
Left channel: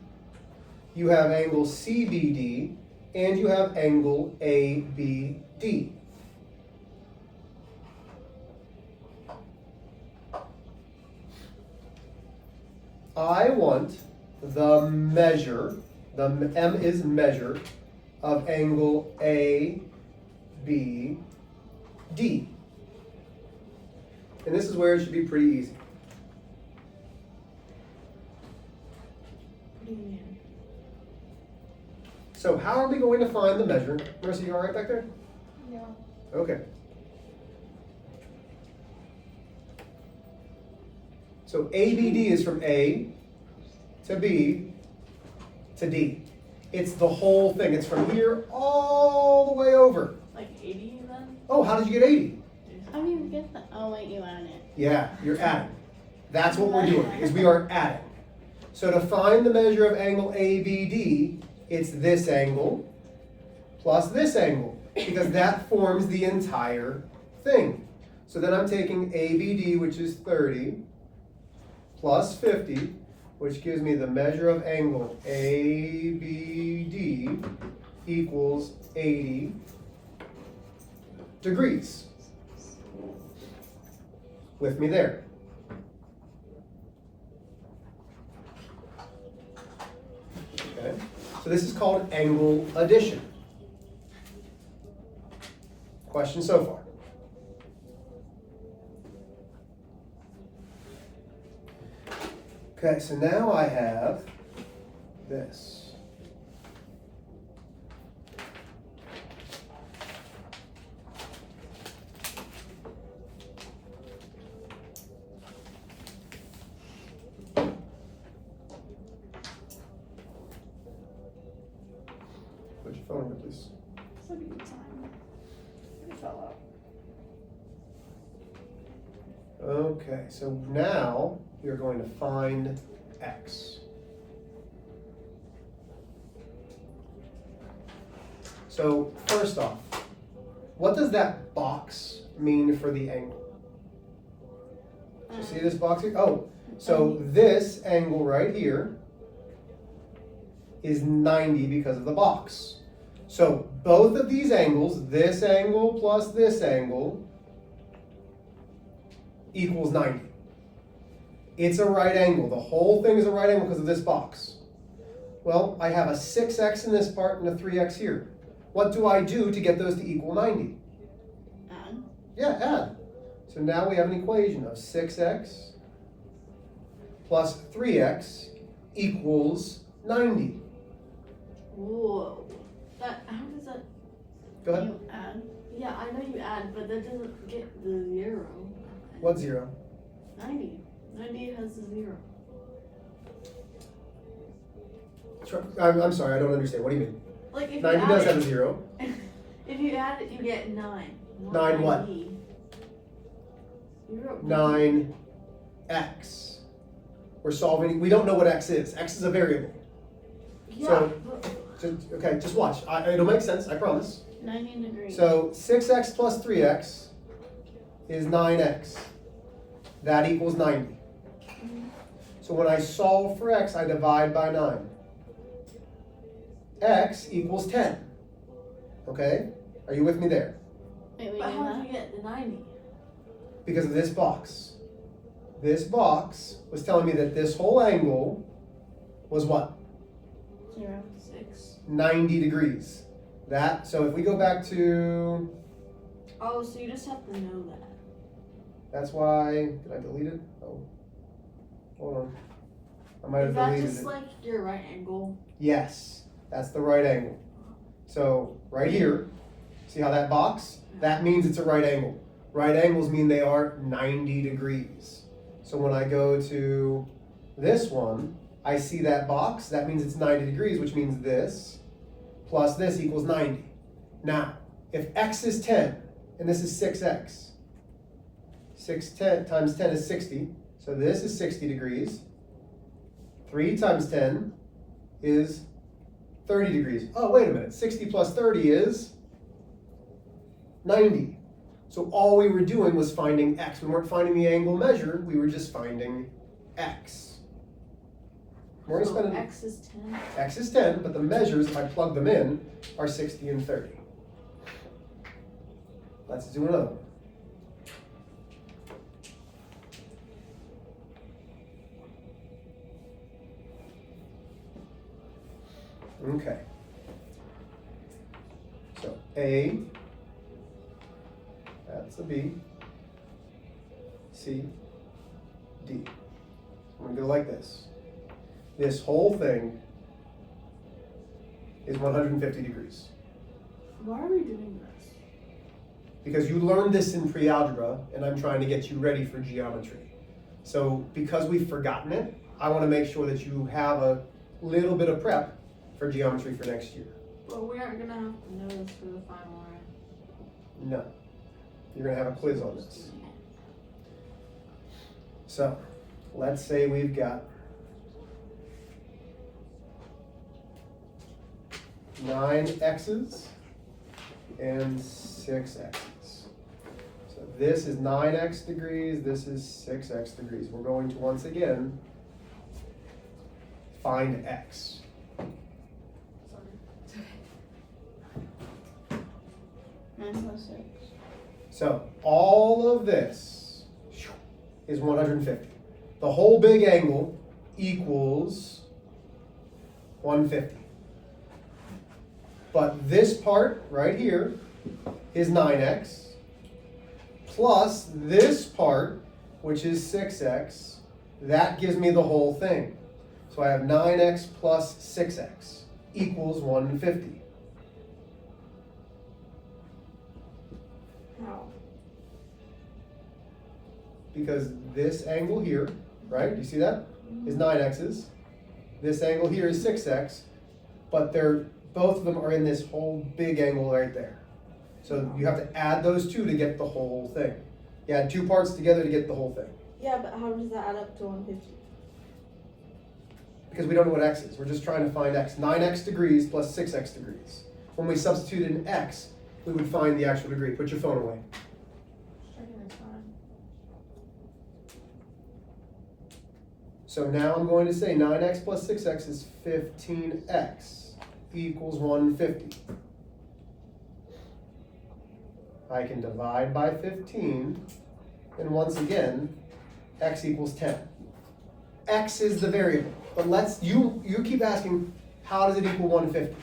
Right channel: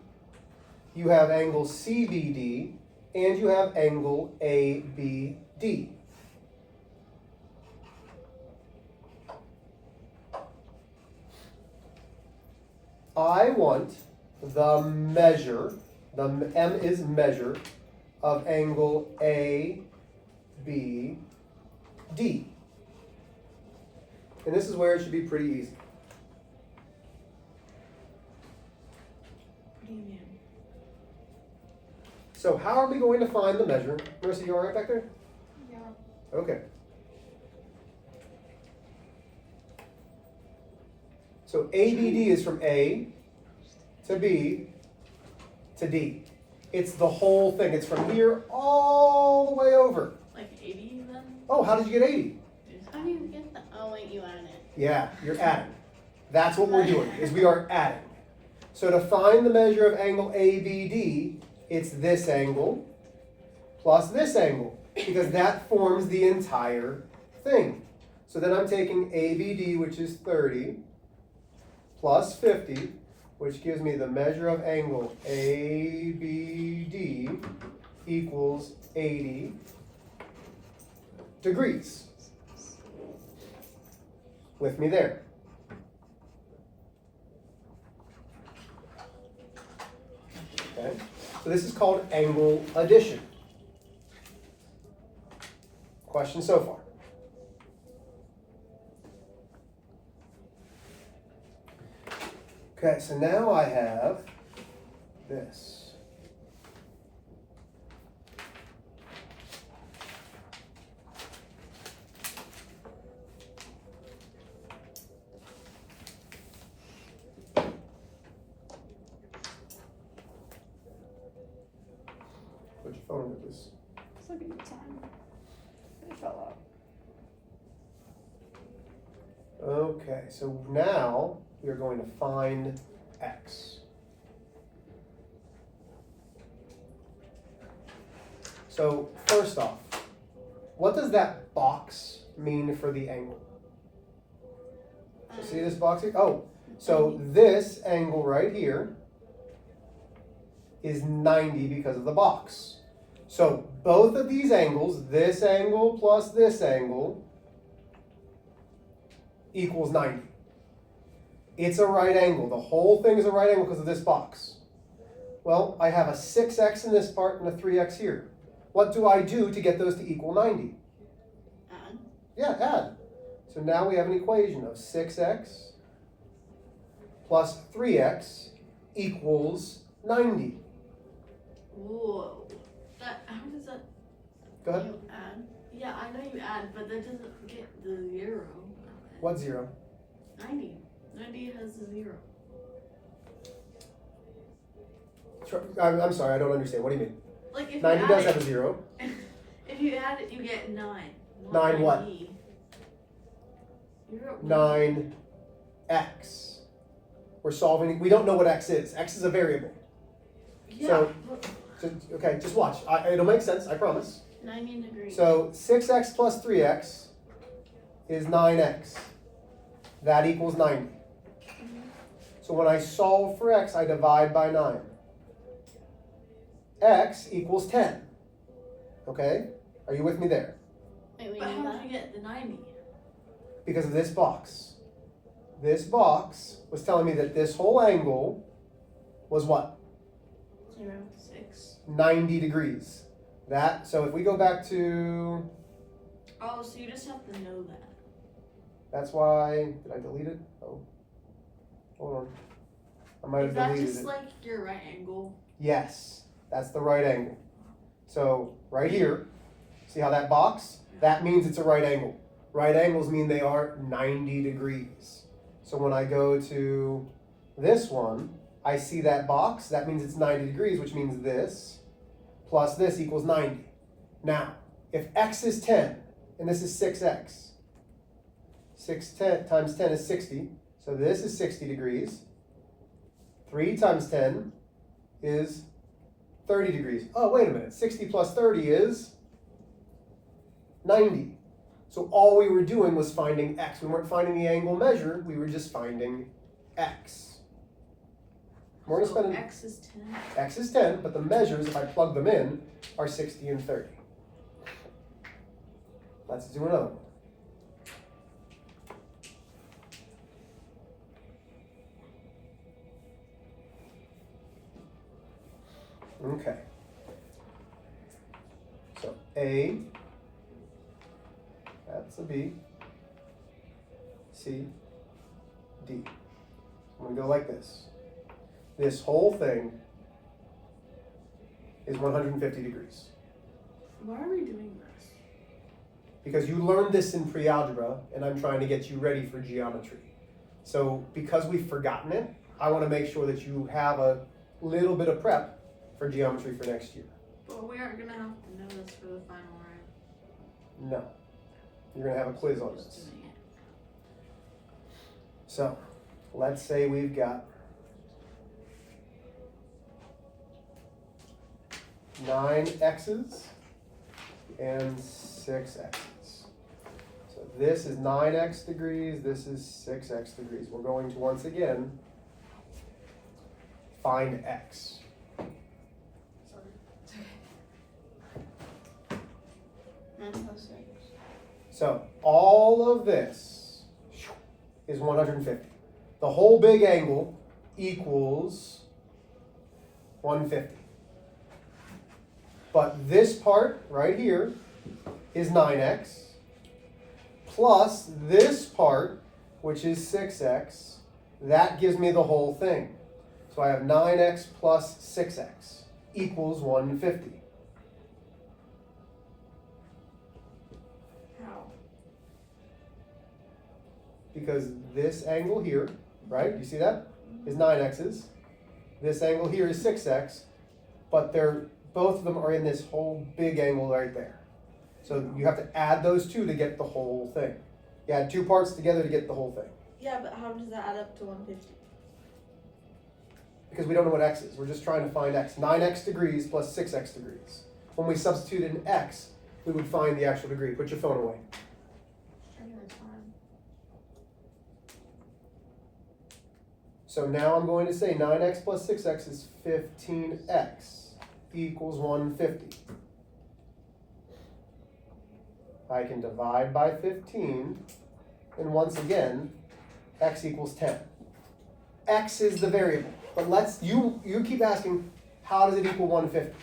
you have angle CBD, and you have angle ABD. I want the measure, the M is measure, of angle ABD. And this is where it should be pretty easy. What do you mean? So how are we going to find the measure? Marissa, you all right back there? Yeah. Okay. So ABD is from A to B to D. It's the whole thing. It's from here all the way over. Like 80 then? Oh, how did you get 80? I don't even get that. Oh wait, you added it. Yeah, you're adding. That's what we're doing, is we are adding. So to find the measure of angle ABD, it's this angle plus this angle, because that forms the entire thing. So then I'm taking ABD, which is 30, plus 50, which gives me the measure of angle ABD equals 80 degrees. With me there. Okay. So this is called angle addition. Question so far? Okay, so now I have this. Put your phone with this. It's looking at time. It fell out. Okay, so now you're going to find x. So first off, what does that box mean for the angle? See this box here? Oh, so this angle right here is 90 because of the box. So both of these angles, this angle plus this angle, equals 90. It's a right angle. The whole thing is a right angle because of this box. Well, I have a 6x in this part and a 3x here. What do I do to get those to equal 90? Add. Yeah, add. So now we have an equation of 6x plus 3x equals 90. Whoa. That, how does that? Go ahead. You add? Yeah, I know you add, but that doesn't get the 0. What 0? 90. 90 has a 0. I'm sorry, I don't understand. What do you mean? Like if 90 you does add have a it, 0. if you add it, you get 9. 9 what? 90. You wrote 9x. We're solving, we don't know what x is. X is a variable. Yeah. So- but Okay, just watch. It'll make sense, I promise. 90 degrees. So 6x plus 3x is 9x. That equals 90. So when I solve for x, I divide by 9. X equals 10. Okay? Are you with me there? Wait, but how did you get the 90? Because of this box. This box was telling me that this whole angle was what? 0, 6. 90 degrees. That, so if we go back to, Oh, so you just have to know that. that's why, did I delete it? Oh, hold on. I might have Is that deleted just it. like your right angle? Yes, that's the right angle. So right here, See how that box? That means it's a right angle. Right angles mean they are 90 degrees. So when I go to this one, I see that box, that means it's 90 degrees, which means this plus this equals 90. Now, if x is 10, and this is 6x, 10 times 10 is 60, so this is 60 degrees. 3 times 10 is 30 degrees. Oh, wait a minute, 60 plus 30 is 90. So all we were doing was finding x. We weren't finding the angle measured, we were just finding x. We're gonna spend X is 10. x is 10, but the measures, if I plug them in, are 60 and 30. Let's do another one. Okay. So A, that's a B, C, D. I'm gonna go like this. This whole thing is 150 degrees. Why are we doing this? Because you learned this in pre-algebra, and I'm trying to get you ready for geometry. So because we've forgotten it, I want to make sure that you have a little bit of prep for geometry for next year. Well, we aren't gonna have to know this for the final, right? No. You're going to have a quiz on this. So, let's say we've got 9 x's and 6 x's. So this is 9x degrees, this is 6x degrees. We're going to once again find x. So all of this is 150. The whole big angle equals 150. But this part right here is 9x plus this part, which is 6x. That gives me the whole thing. So I have 9x plus 6x equals 150. How? Because this angle here, right, do you see that? Is 9x's. This angle here is 6x, but both of them are in this whole big angle right there. So you have to add those two to get the whole thing. You add two parts together to get the whole thing. Yeah, but how does that add up to 150? Because we don't know what x is. We're just trying to find x. 9x degrees plus 6x degrees. When we substitute in x, we would find the actual degree. Put your phone away. So now I'm going to say 9x plus 6x is 15x equals 150. I can divide by 15, and once again, x equals 10. X is the variable, but you keep asking, how does it equal 150?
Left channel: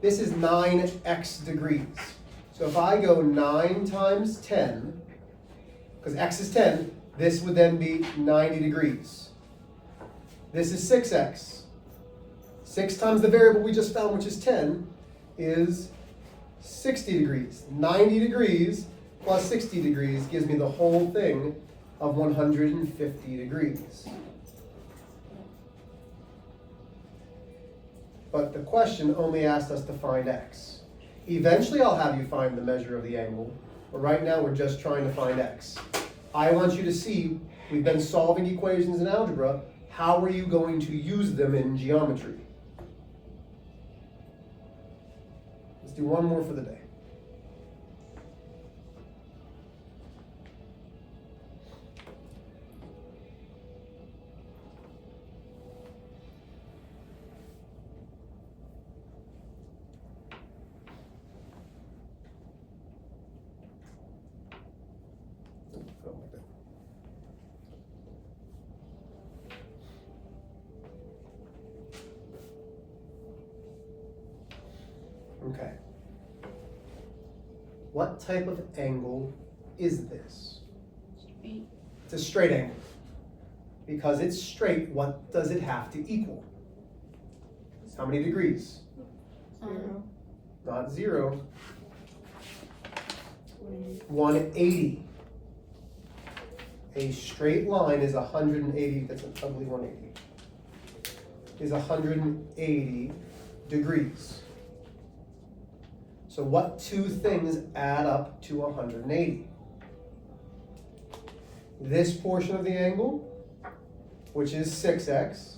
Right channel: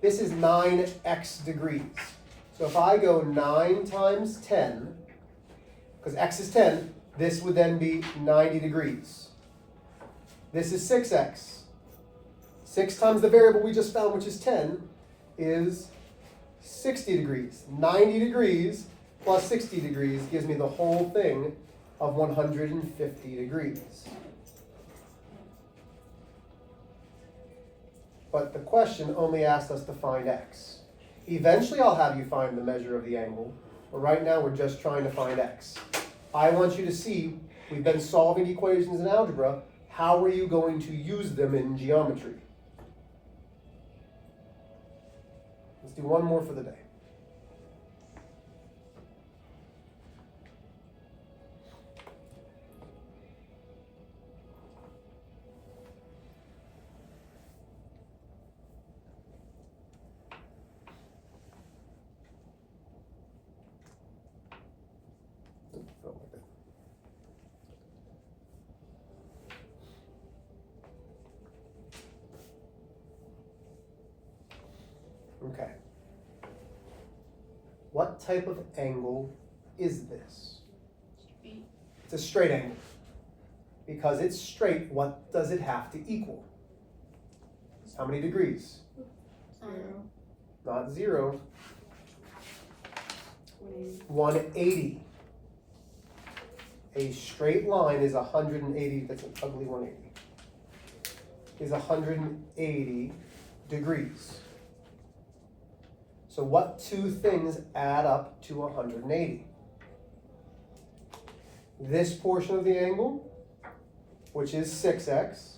This is 9x degrees. So if I go 9 times 10, because x is 10, this would then be 90 degrees. This is 6x. 6 times the variable we just found, which is 10, is 60 degrees. 90 degrees plus 60 degrees gives me the whole thing of 150 degrees. But the question only asked us to find x. Eventually I'll have you find the measure of the angle, but right now we're just trying to find x. I want you to see, we've been solving equations in algebra. How are you going to use them in geometry? Let's do one more for the day. Okay. What type of angle is this? Straight. It's a straight angle. Because it's straight, what does it have to equal? How many degrees? 0. Not 0. 180. A straight line is 180, that's an ugly 180, is 180 degrees. So what two things add up to 180? This portion of the angle, which is 6x,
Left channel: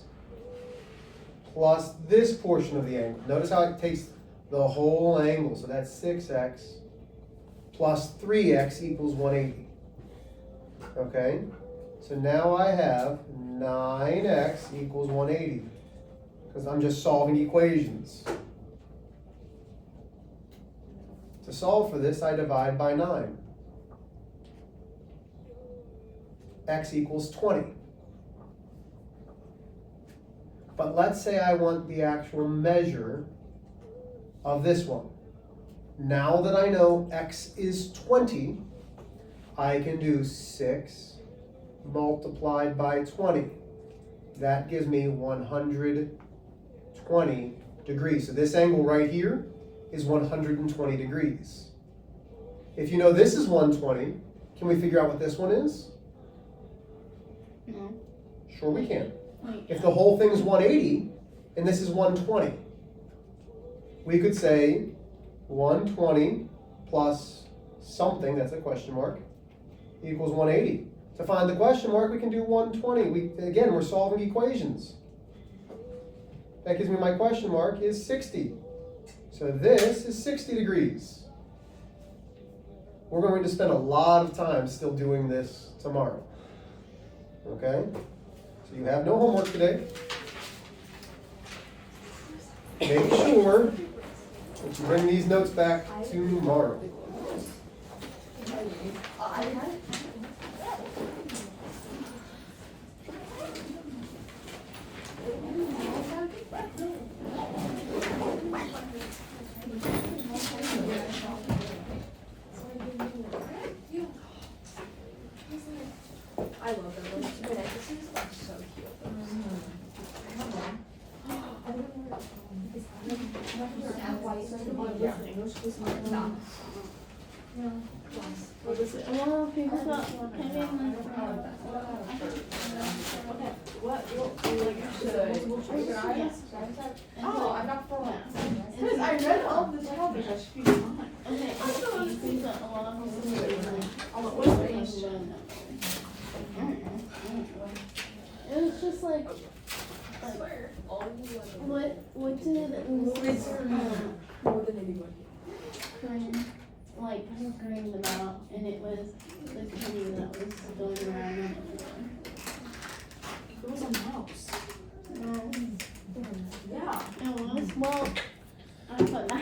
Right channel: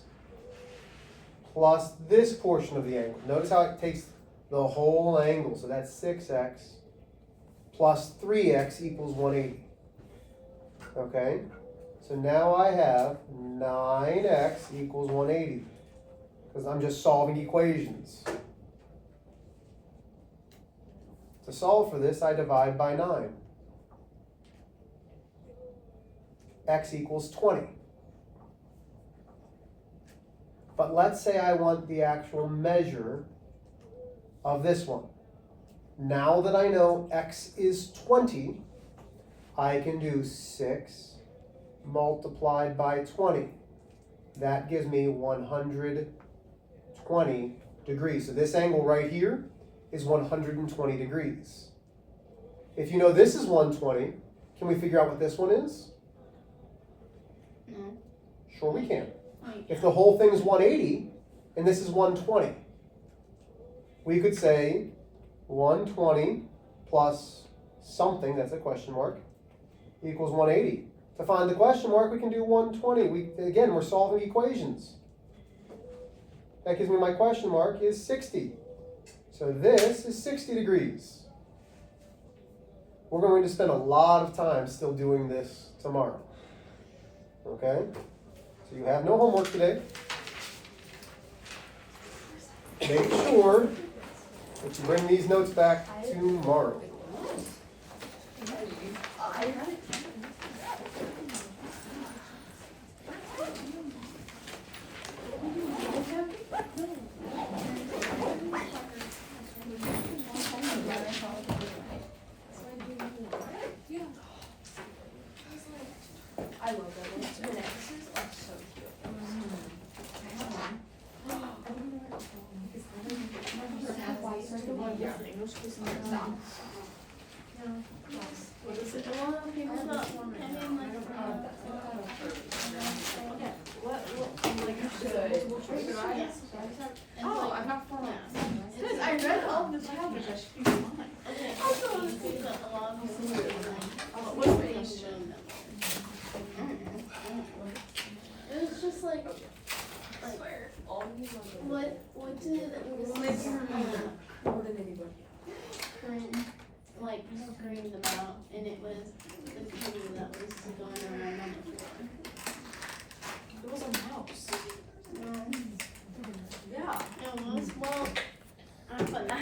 plus this portion of the angle. Notice how it takes the whole angle, so that's 6x plus 3x equals 180. Okay, so now I have 9x equals 180, because I'm just solving equations. To solve for this, I divide by 9. X equals 20. But let's say I want the actual measure of this one. Now that I know x is 20, I can do 6 multiplied by 20. That gives me 120 degrees. So this angle right here is 120 degrees. If you know this is 120, can we figure out what this one is? No. Sure we can. Wait, If the whole thing is 180 and this is 120, we could say 120 plus something, that's a question mark, equals 180. To find the question mark, we can do 120. Again, we're solving equations. That gives me my question mark is 60. So this is 60 degrees. We're going to spend a lot of time still doing this tomorrow. Okay? So you have no homework today. Make sure that you bring these notes back tomorrow. I love that one. This is like so cute. Oh, I'm not for Because I read all the topics. It was just like, what did we More than anybody. like scream them out, and it was the penny that was going around. It was a mouse. Yeah. Yeah. It was, well,